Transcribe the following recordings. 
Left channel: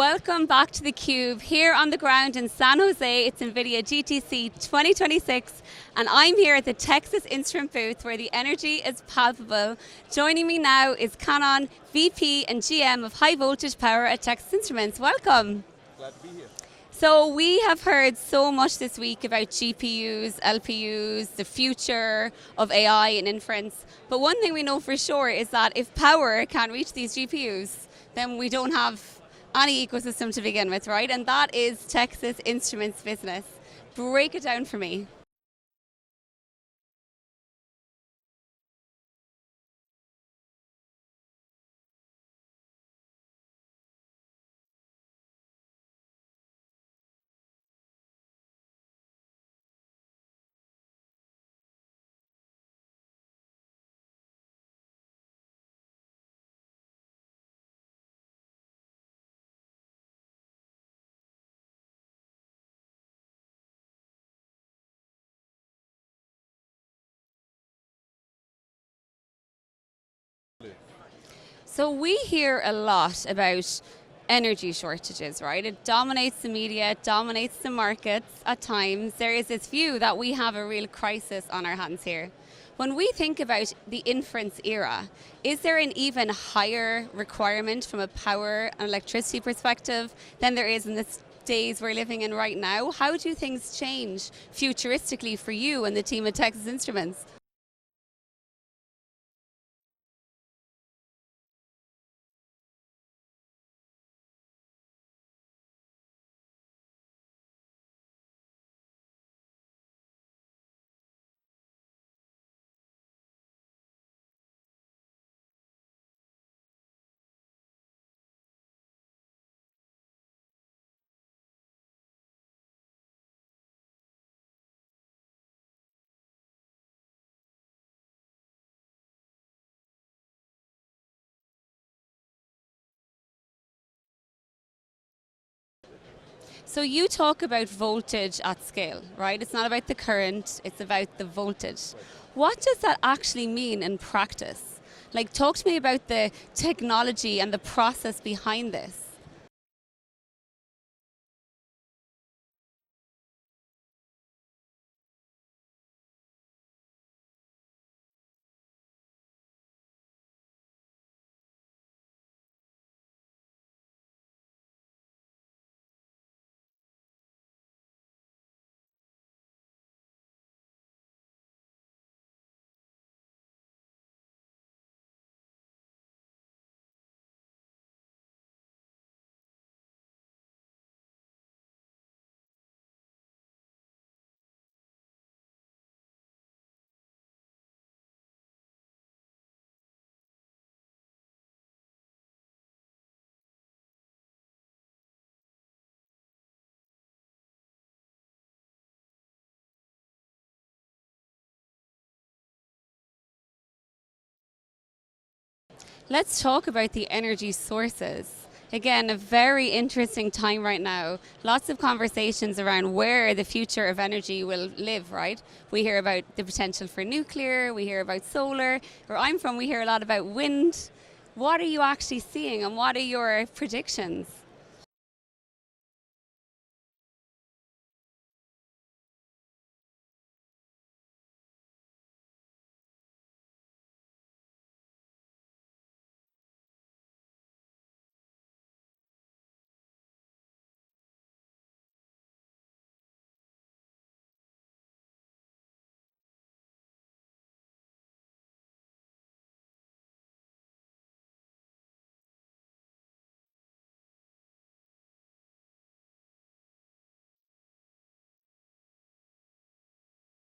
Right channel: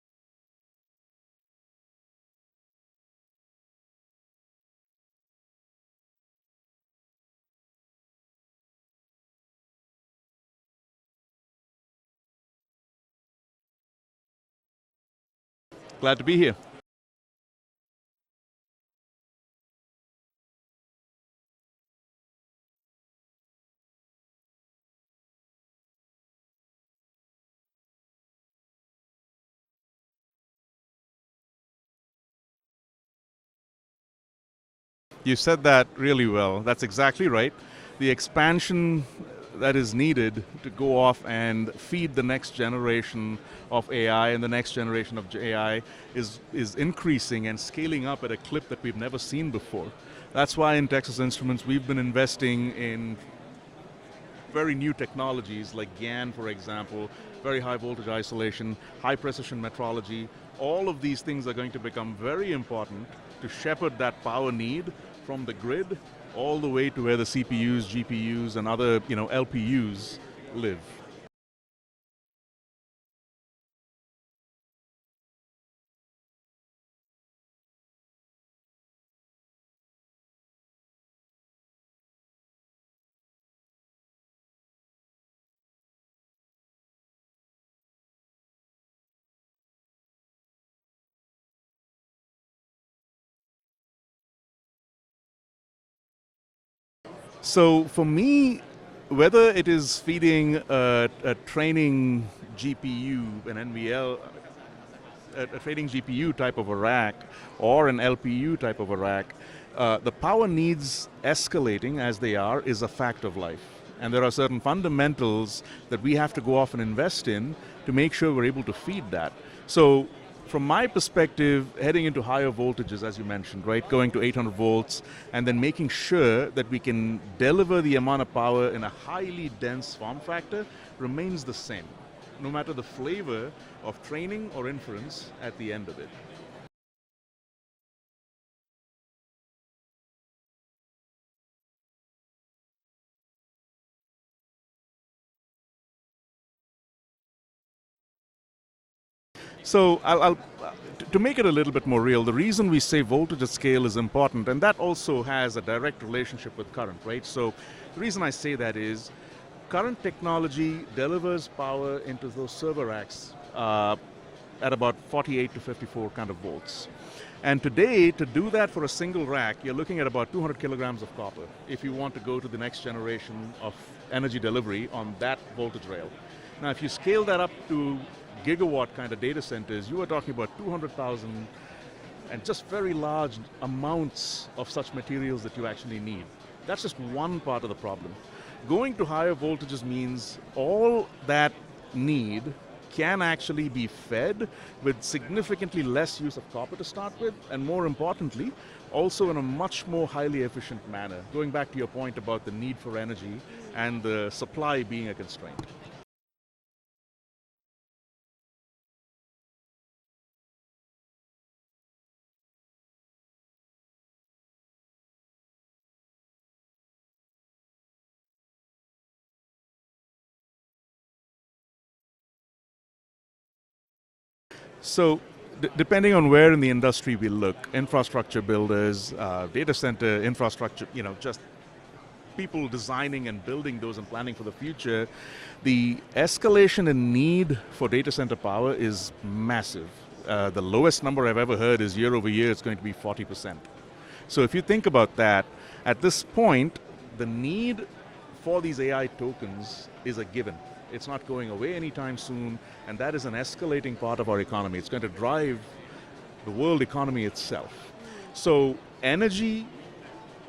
Welcome back to theCUBE, here on the ground in San Jose. It's NVIDIA GTC 2026, and I'm here at the Texas Instrument booth where the energy is palpable. Joining me now is Kannan, VP and GM of High Voltage Power at Texas Instruments. Welcome. Glad to be here. So we have heard so much this week about GPUs, LPUs, the future of AI and inference. But one thing we know for sure is that if power can't reach these GPUs, then we don't have any ecosystem to begin with, right? And that is Texas Instruments business. Break it down for me. You said that really well. That's exactly right. The expansion that is needed to go off and feed the next generation of AI and the next generation of AI is increasing and scaling up at a clip that we've never seen before. That's why in Texas Instruments we've been investing in very new technologies like GaN, for example, very high voltage isolation, high precision metrology. All of these things are going to become very important to shepherd that power need from the grid all the way to where the CPUs, GPUs, and other LPUs live. So we hear a lot about energy shortages, right? It dominates the media, it dominates the markets at times. There is this view that we have a real crisis on our hands here. When we think about the inference era, is there an even higher requirement from a power and electricity perspective than there is in the days we're living in right now? How do things change futuristically for you and the team at Texas Instruments? So for me, whether it is feeding a training GPU, an NVL, a training GPU type of a rack, or an LPU type of a rack, the power needs escalating as they are is a fact of life. And there are certain fundamentals that we have to go off and invest in to make sure we're able to feed that. So from my perspective, heading into higher voltages, as you mentioned, right, going to 800 volts, and then making sure that we can deliver the amount of power in a highly dense form factor remains the same, no matter the flavor of training or inference at the end of it. So you talk about voltage at scale, right? It's not about the current, it's about the voltage. Right. What does that actually mean in practice? Like, talk to me about the technology and the process behind this. So to make it a little bit more real, the reason we say voltage at scale is important, and that also has a direct relationship with current, right? So the reason I say that is current technology delivers power into those server racks at about 48 to 54 kind of volts. And today, to do that for a single rack, you're looking at about 200 kilograms of copper if you want to go to the next generation of energy delivery on that voltage rail. Now, if you scale that up to gigawatt kind of data centers, you are talking about 200,000 and just very large amounts of such materials that you actually need. That's just one part of the problem. Going to higher voltages means all that need can actually be fed with significantly less use of copper to start with, and more importantly, also in a much more highly efficient manner, going back to your point about the need for energy and the supply being a constraint. Let's talk about the energy sources. Again, a very interesting time right now. Lots of conversations around where the future of energy will live, right? We hear about the potential for nuclear, we hear about solar. Where I'm from, we hear a lot about wind. What are you actually seeing, and what are your predictions? So, depending on where in the industry we look, infrastructure builders, data center infrastructure, just people designing and building those and planning for the future, the escalation in need for data center power is massive. The lowest number I've ever heard is year over year, it's going to be 40%. So if you think about that, at this point, the need for these AI tokens is a given. It's not going away anytime soon, and that is an escalating part of our economy. It's going to drive the world economy itself. So energy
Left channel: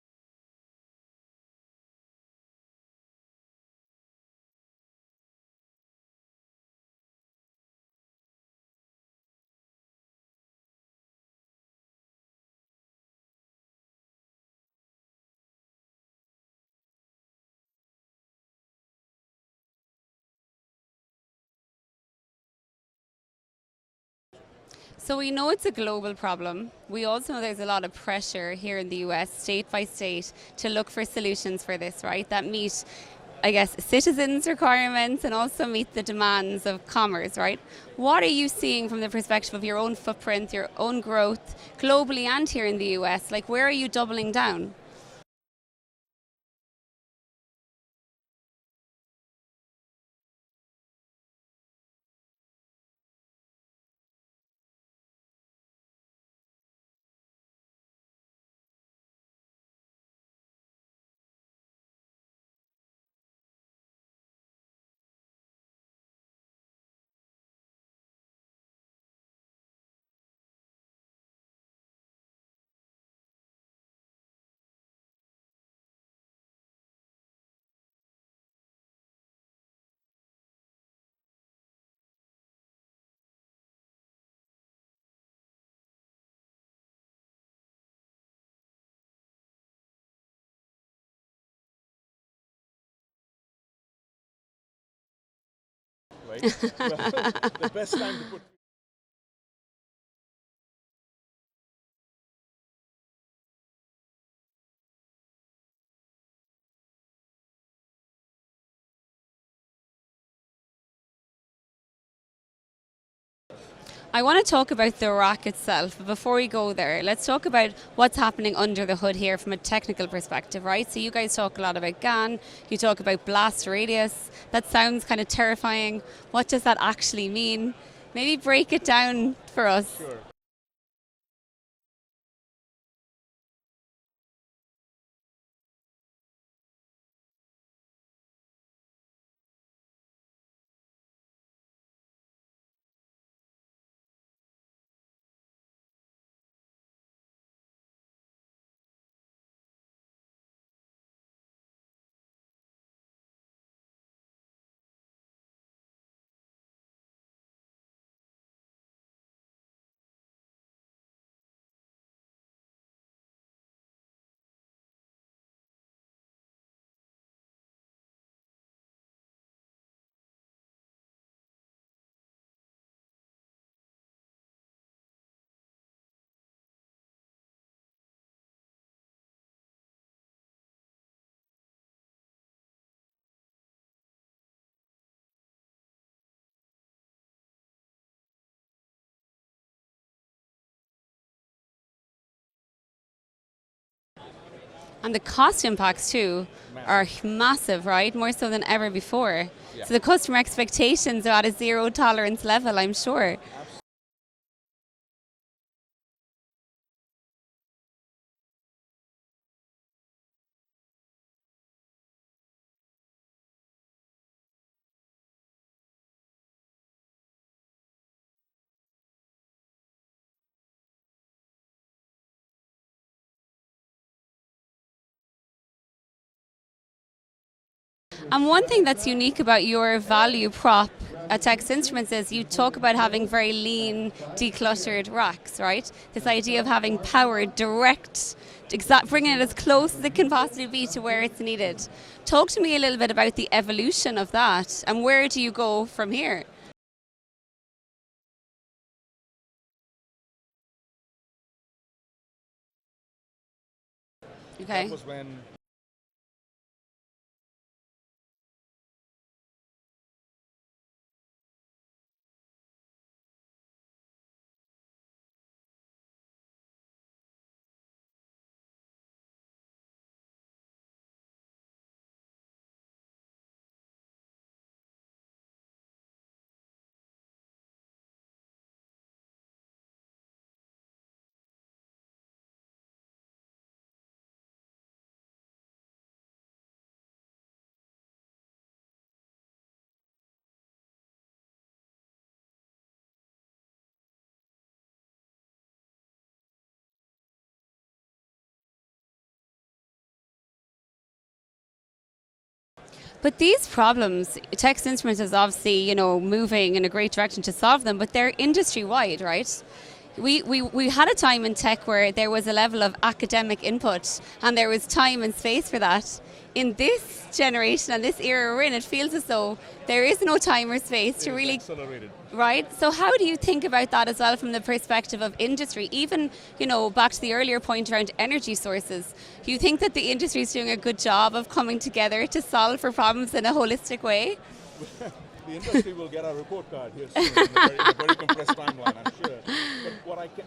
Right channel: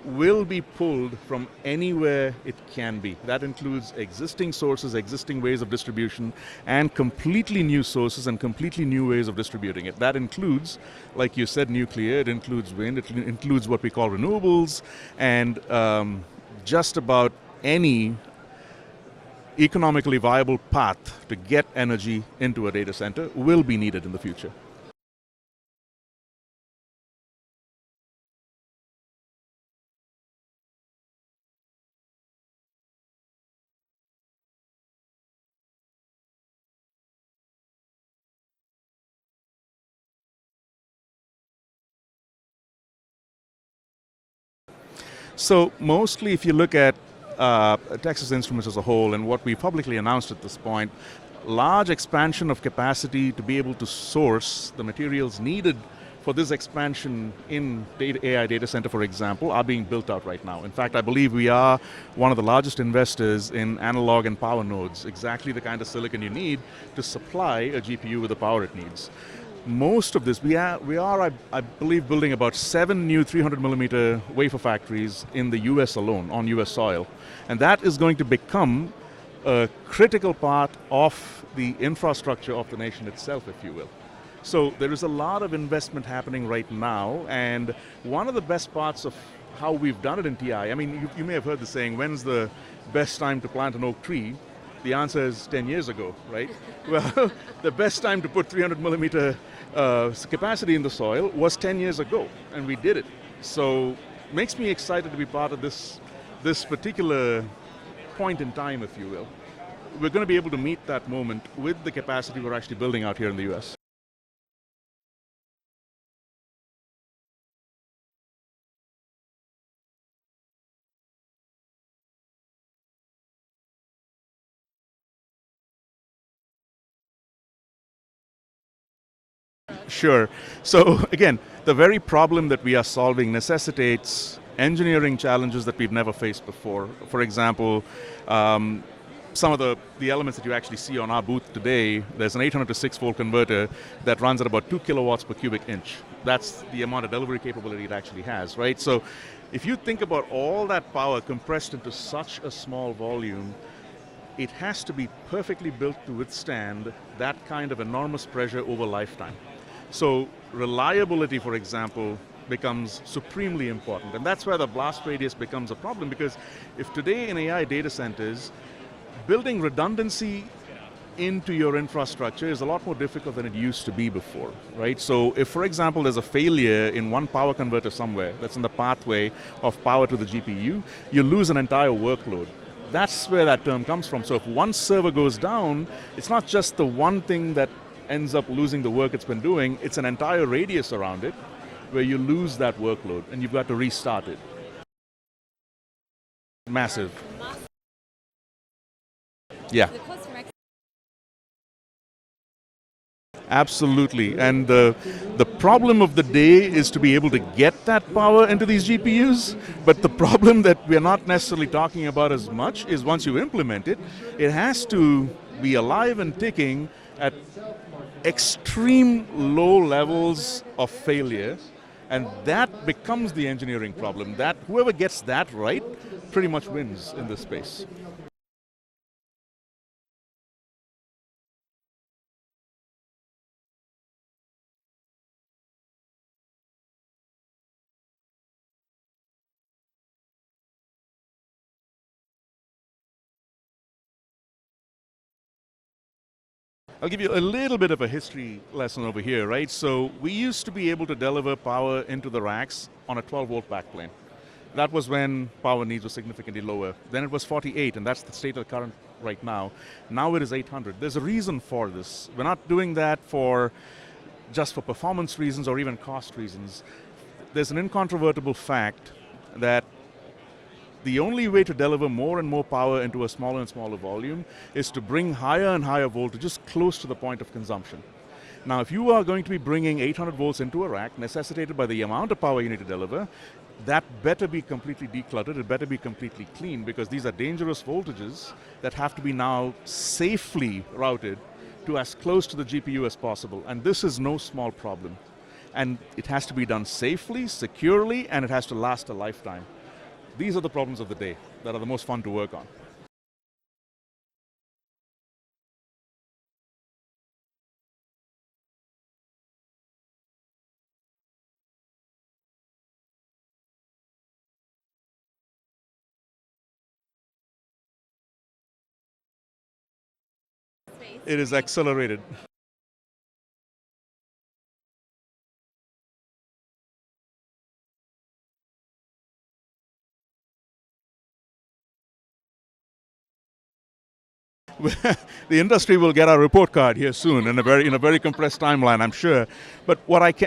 will be pulled from anywhere it can be. That includes existing sources, existing ways of distribution, and completely new sources and completely new ways of distributing it. That includes, like you said, nuclear, it includes wind, it includes what we call renewables, and just about any economically viable path to get energy into a data center will be needed in the future. So we know it's a global problem. We also know there's a lot of pressure here in the US, state by state, to look for solutions for this, right? That meet I guess, citizens' requirements and also meet the demands of commerce, right? What are you seeing from the perspective of your own footprint, your own growth, globally and here in the US? Like, where are you doubling down? So mostly if you look at Texas Instruments as a whole and what we publicly announced at this point, large expansion of capacity to be able to source the materials needed for this expansion in AI data center, for example, are being built out right now. In fact, I believe we are one of the largest investors in analog and power nodes, exactly the kind of silicon you need to supply a GPU with the power it needs. Most of this, we are, I believe, building about 7 new 300 millimeter wafer factories in the US alone, on US soil. And that is going to become a critical part of the infrastructure of the nation itself, if you will. So there is a lot of investment happening right now, and one of the best parts of how we've done it in TI, I mean, you may have heard the saying, when's the best time to plant an oak tree? The answer is 10 years ago, right? Well, the best time to put 300 millimeter capacity in the soil was 10 years ago, and we did it. So it makes me excited to be part of this particular point in time, if you will. We're going to be able to meet that moment with the capacity we're actually building out here in the US. I want to talk about the rack itself, but before we go there, let's talk about what's happening under the hood here from a technical perspective, right? So you guys talk a lot about GaN, you talk about blast radius. That sounds kind of terrifying. What does that actually mean? Maybe break it down for us. Sure. So again, the very problem that we are solving necessitates engineering challenges that we've never faced before. For example, some of the elements that you actually see on our booth today, there's an 800 to 6 volt converter that runs at about 2 kilowatts per cubic inch. That's the amount of delivery capability it actually has, right? So if you think about all that power compressed into such a small volume, it has to be perfectly built to withstand that kind of enormous pressure over lifetime. So reliability, for example, becomes supremely important. And that's where the blast radius becomes a problem, because if today in AI data centers, building redundancy into your infrastructure is a lot more difficult than it used to be before, right? So if, for example, there's a failure in one power converter somewhere that's in the pathway of power to the GPU, you lose an entire workload. That's where that term comes from. So if one server goes down, it's not just the one thing that ends up losing the work it's been doing, it's an entire radius around it where you lose that workload and you've got to restart it. And the cost impacts too are massive, right? More so than ever before. Yeah. So the customer expectations are at a zero tolerance level, I'm sure. Absolutely, and the problem of the day is to be able to get that power into these GPUs, but the problem that we're not necessarily talking about as much is once you implement it, it has to be alive and ticking at extreme low levels of failure. And that becomes the engineering problem. That whoever gets that right pretty much wins in this space. And one thing that's unique about your value prop at Texas Instruments is you talk about having very lean, decluttered racks, right? This idea of having power direct, bringing it as close as it can possibly be to where it's needed. Talk to me a little bit about the evolution of that, and where do you go from here? I'll give you a little bit of a history lesson over here, right? So we used to be able to deliver power into the racks on a 12-volt backplane. Okay. That was when power needs were significantly lower. Then it was 48, and that's the state of the current right now. Now it is 800. There's a reason for this. We're not doing that just for performance reasons or even cost reasons. There's an incontrovertible fact that the only way to deliver more and more power into a smaller and smaller volume is to bring higher and higher voltages close to the point of consumption. Now, if you are going to be bringing 800 volts into a rack, necessitated by the amount of power you need to deliver, that better be completely decluttered, it better be completely clean, because these are dangerous voltages that have to be now safely routed to as close to the GPU as possible. And this is no small problem. And it has to be done safely, securely, and it has to last a lifetime. These are the problems of the day that are the most fun to work on. But these problems, Texas Instruments is obviously, moving in a great direction to solve them, but they're industry-wide, right? We had a time in tech where there was a level of academic input and there was time and space for that. in this generation and this era we're in, it feels as though there is no time or space to It really... is accelerated. Right? So how do you think about that as well from the perspective of industry? Even, back to the earlier point around energy sources, do you think that the industry is doing a good job of coming together to solve for problems in a holistic way? The industry will get our report card here soon in a very compressed timeline, I'm sure. But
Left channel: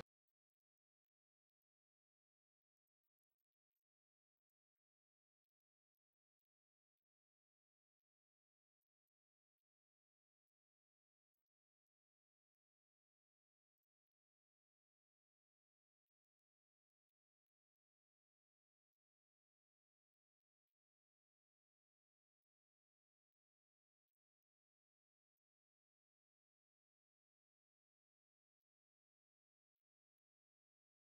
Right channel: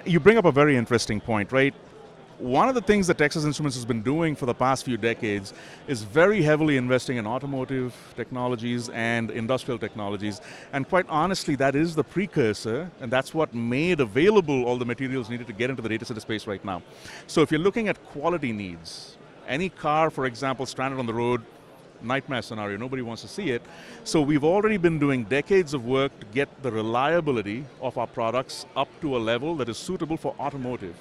you bring up a very interesting point, right? One of the things that Texas Instruments has been doing for the past few decades is very heavily investing in automotive technologies and industrial technologies. And quite honestly, that is the precursor, and that's what made available all the materials needed to get into the data center space right now. So if you're looking at quality needs, any car, for example, stranded on the road, nightmare scenario, nobody wants to see it. So we've already been doing decades of work to get the reliability of our products up to a level that is suitable for automotive.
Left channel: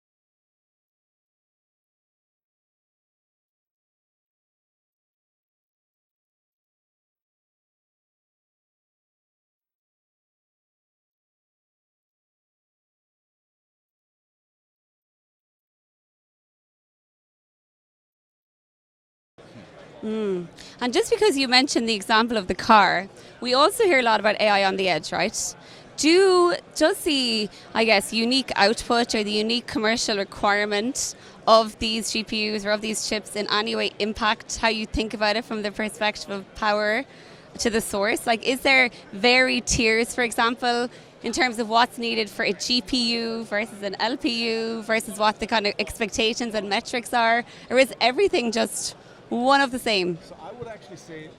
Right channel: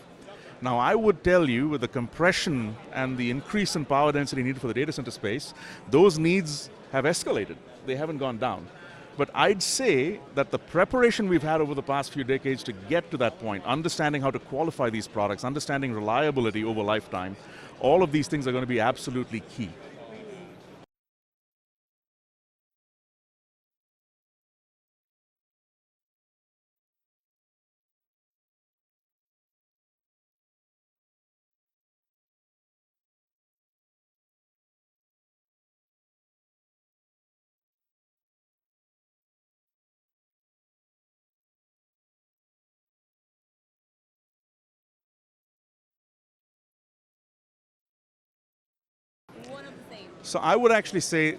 Now I would tell you, with the compression and the increase in power density needed for the data center space, those needs have escalated. They haven't gone down. But I'd say that the preparation we've had over the past few decades to get to that point, understanding how to qualify these products, understanding reliability over lifetime, all of these things are going to be absolutely key. And just because you mentioned the example of the car, we also hear a lot about AI on the edge, right? Does the, I guess, unique output or the unique commercial requirement of these GPUs or of these chips in any way impact how you think about it from the perspective of power to the source? Like, is there varied tiers, for example, in terms of what's needed for a GPU versus an LPU versus what the kind of expectations and metrics are? Or is everything just one of the same? So I would actually say,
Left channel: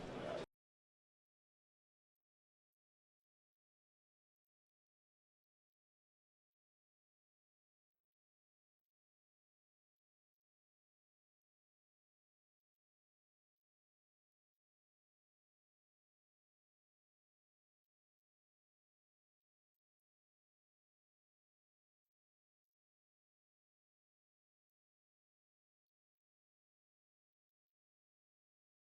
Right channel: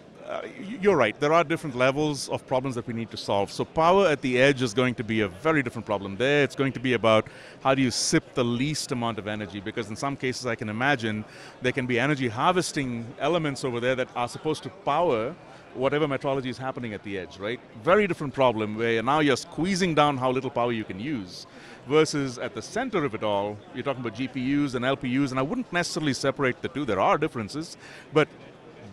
you're right, there are different levels of problems that we need to solve. So power at the edge is going to be a very different problem. There it's going to be about how do you sip the least amount of energy, because in some cases I can imagine there can be energy harvesting elements over there that are supposed to power whatever metrology is happening at the edge, right? Very different problem where now you're squeezing down how little power you can use, versus at the center of it all, you're talking about GPUs and LPUs, and I wouldn't necessarily separate the two, there are differences, but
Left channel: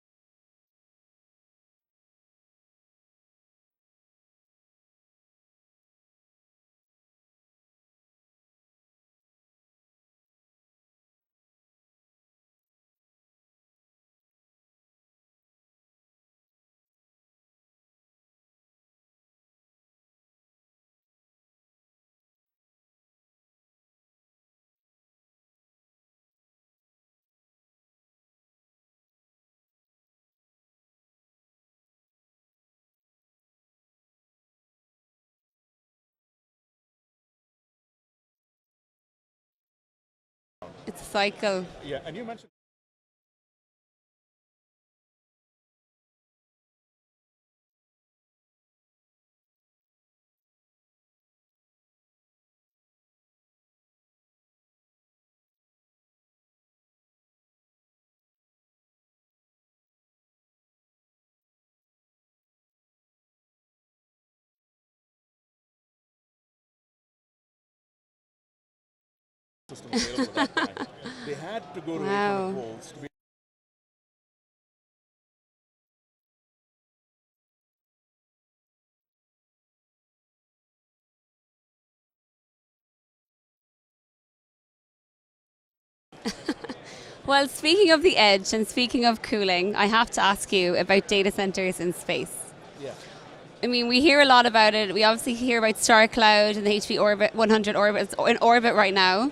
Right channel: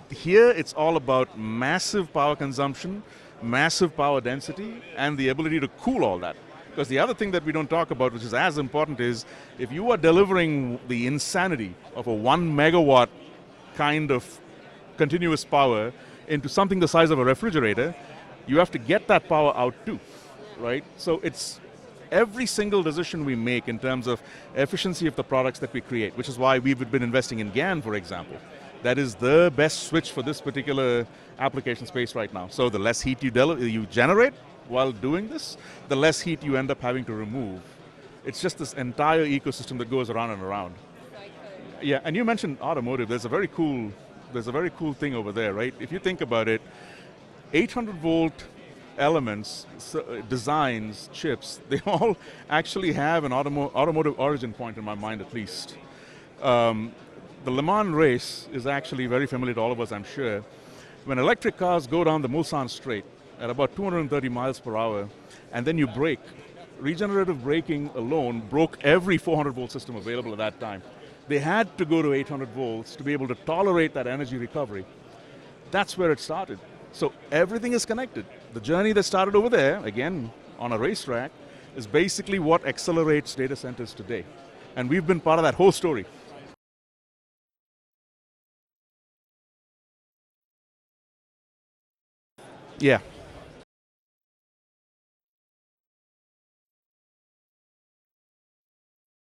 here it's all about massive power consumption, massive power density, and the ability to cool all that. Because the other thing that we don't talk about, which is as important, is if you are delivering the insanity of a 1 megawatt kind of continuous power into something the size of a refrigerator, you have to get that power out too, right? So it's every single decision we make in terms of efficiency of the products that we create, which is why we've been investing in GaN, for example. That is the best switch for this particular application space right now. So the less heat you generate while doing this, the less heat you end up having to remove. It's just this entire ecosystem that goes around and around. It's a cycle. Yeah, and you mentioned automotive. There's a very cool thing over there, right? If you think about it, 800 volt elements, designs, chips, they all actually have an automotive origin point in my mind at least. The Le Mans race is actually very familiar to all of us, I'm sure. When electric cars go down the Mulsanne Straight at about 230 miles per hour, and then you brake, regenerative braking alone broke every 400 volt system available at that time. They had to go to 800 volts to be able to tolerate that energy recovery. That's where it started. So everything is connected. The journey that started over there, again, on a racetrack, is basically what accelerates data centers today. And we've been part of that whole story. Well, speaking of the edge and speaking of cooling, I have to ask you about data centers in space. Yeah. I mean, we hear a lot about it. We obviously hear about Star Cloud and the HV orbit, 100 orbits in orbit right now.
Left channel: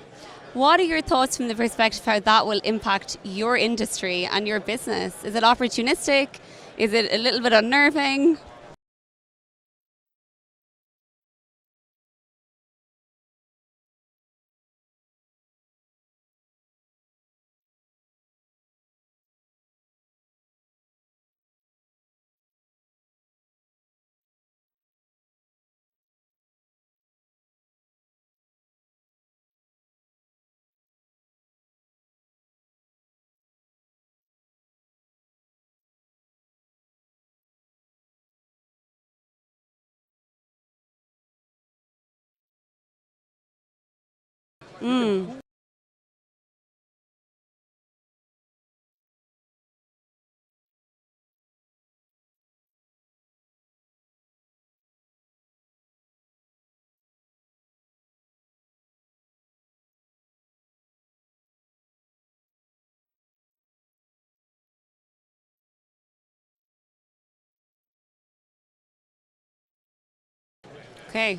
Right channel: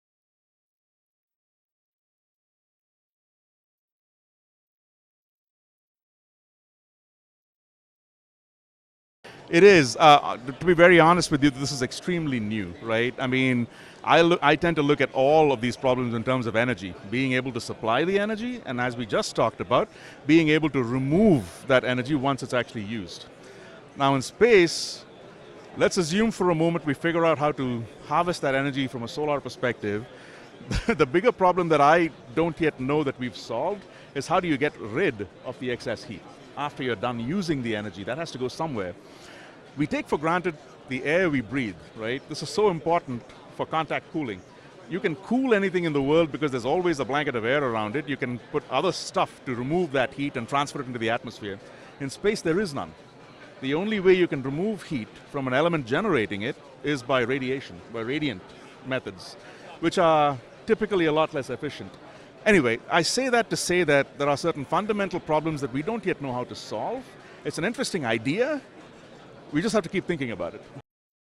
What are your thoughts from the perspective of how that will impact your industry and your business? Is it opportunistic? Is it a little bit unnerving? It is. To be very honest with you, this is extremely new, right? I mean, I tend to look at all of these problems in terms of energy, being able to supply the energy, and as we just talked about, being able to remove that energy once it's actually used. Now in space, let's assume for a moment we figure out how to harvest that energy from a solar perspective. The bigger problem that I don't yet know that we've solved is how do you get rid of the excess heat after you're done using the energy. That has to go somewhere. We take for granted the air we breathe, right? This is so important for contact cooling. You can cool anything in the world because there's always a blanket of air around it. You can put other stuff to remove that heat and transfer it into the atmosphere. In space, there is none. The only way you can remove heat from an element generating it is by radiation, by radiant methods, which are typically a lot less efficient. Anyway, I say that to say that there are certain fundamental problems that we don't yet know how to solve. It's an interesting idea. We just have to keep thinking about it. Okay.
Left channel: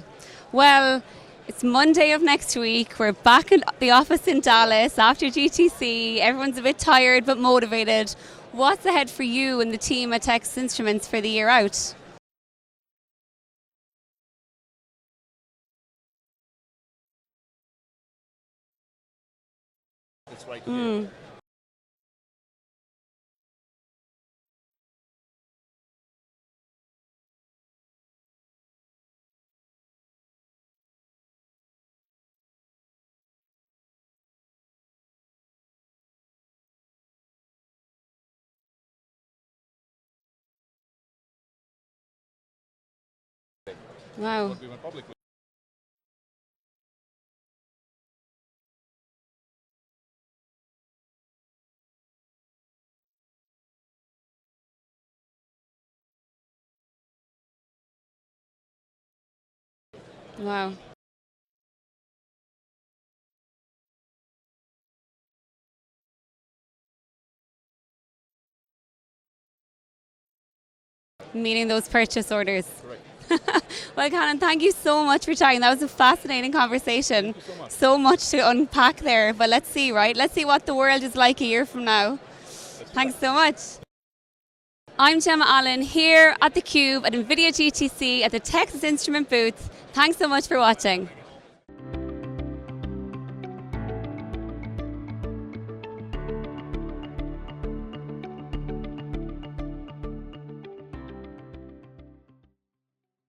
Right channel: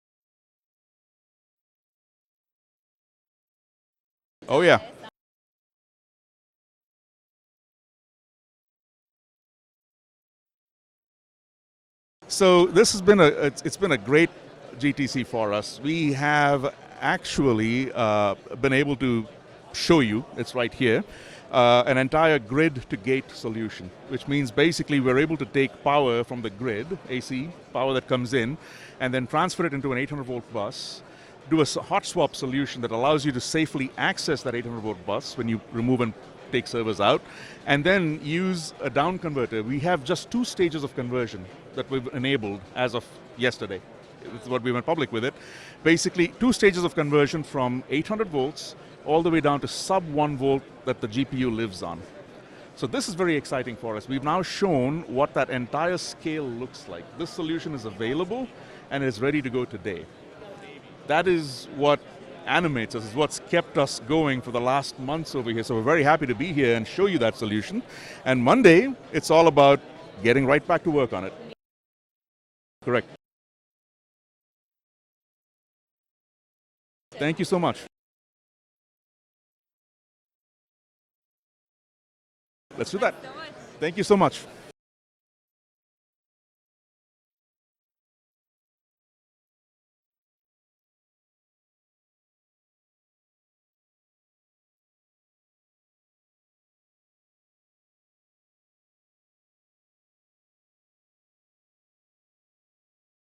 Well, it's Monday of next week. We're back in the office in Dallas after GTC. Everyone's a bit tired but motivated. What's ahead for you and the team at Texas Instruments for the year out? So this has been it's been a great GTC for us. We have actually been able to show you, it's right here, an entire grid-to-gate solution, which means basically we're able to take power from the grid, AC, power that comes in, and then transfer it into an 800-volt bus, do a hot swap solution that allows you to safely access that 800-volt bus when you remove and take servers out, and then use a down converter. We have just 2 stages of conversion that we've enabled as of yesterday. Wow. That's what we went public with it. Basically, 2 stages of conversion from 800 volts all the way down to sub 1 volt that the GPU lives on. So this is very exciting for us. We've now shown what that entire scale looks like. This solution is available and is ready to go today. Wow. That is what animates us, is what's kept us going for the last months over here. So we're very happy to be here and show you that solution. And Monday, it's all about getting right back to work on it. Meeting those purchase orders. Correct. Well, Kannan, thank you so much for chatting. That was a fascinating conversation. Thank you so much. So much to unpack there, but let's see, right? Let's see what the world is like a year from now. Let's do Thanks that. so much. Thank you so much. I'm Gemma Allen here at theCUBE at NVIDIA GTC at the Texas Instrument booth. Thanks so much for watching.